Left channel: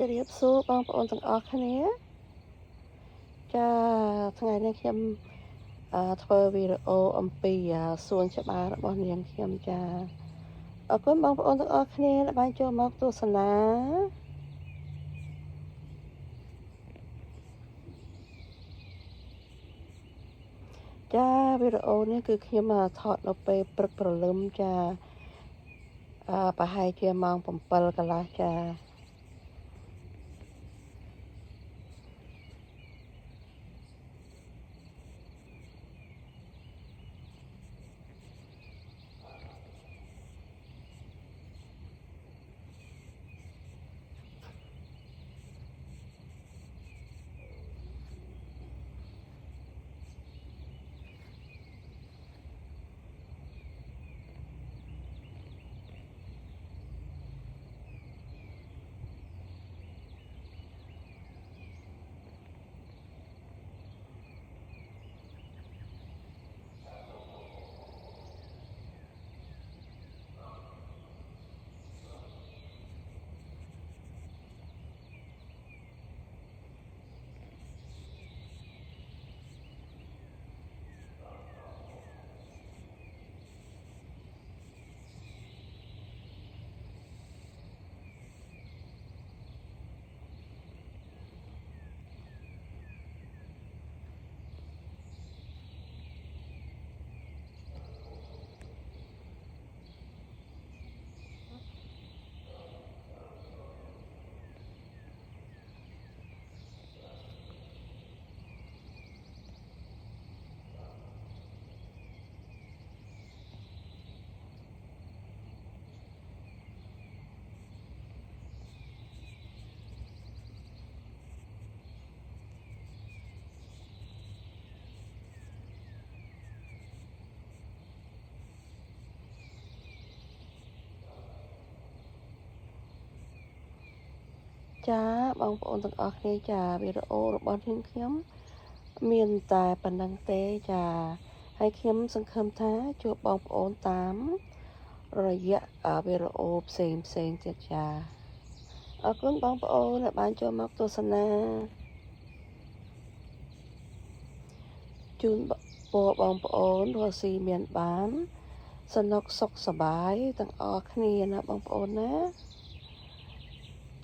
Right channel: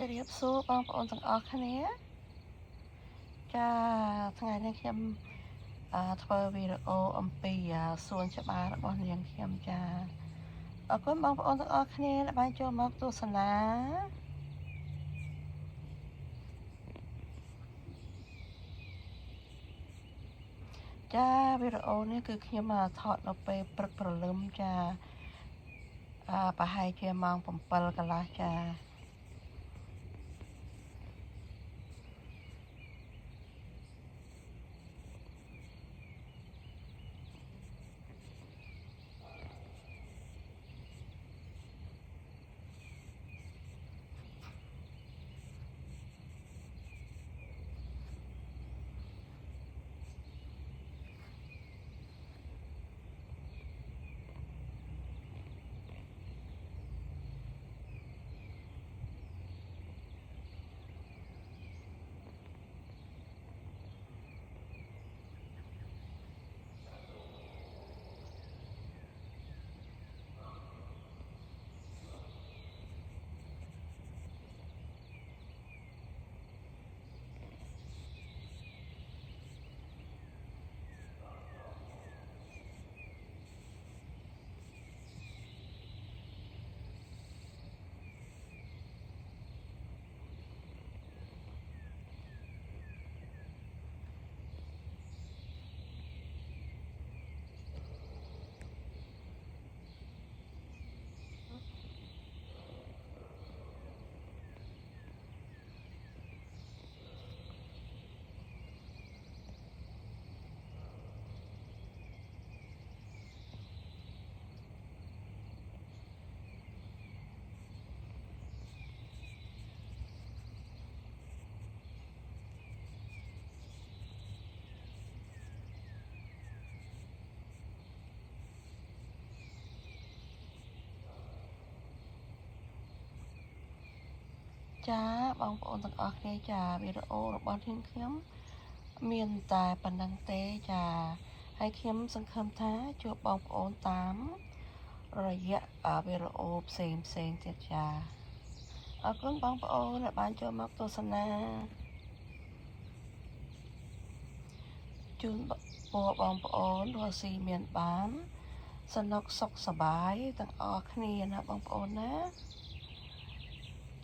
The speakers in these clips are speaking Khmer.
จะเรียบสู้บางปอนต่างออกคะเนี้ยจะทั้งไงเนี่ยเข้มทเวอร์วีดีโออมปีส่วนฉบับរបស់នាងខ្ញុំចាអរគុណបងប្អូនទាំងអស់គ្នាដែលបានចូលមកទស្សនាចាវីដេអូនេះគឺខ្ញុំថតនៅពេលព្រឹកព្រលឹមចាប្រហែលជាម៉ោង7កន្លះចាចាបងប្អូនទាំងអស់គ្នាចាវីដេអូរបស់ខ្ញុំមានតែប៉ុណ្្នឹងទេចាហើយខ្ញុំសង្ឃឹមថាជួបបងប្អូនតាមរយៈវីដេអូផ្សេងទៀតចាអរគុណបងប្អូនដែលបានចូលមកទស្សនាជូនពរបងប្អូនរស់ស៊ីមានបានសនុកសុខសប្បាយទាំងអស់គ្នាណាបងប្អូនណា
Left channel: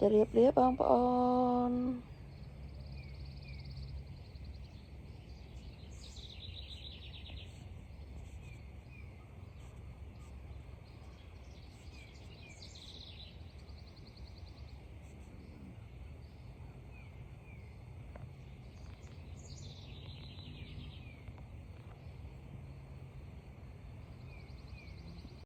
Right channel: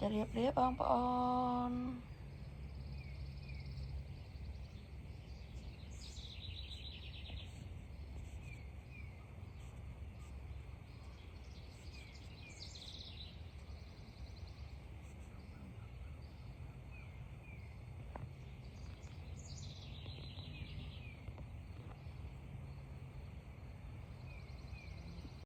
ជម្រាបលាបងប្អូន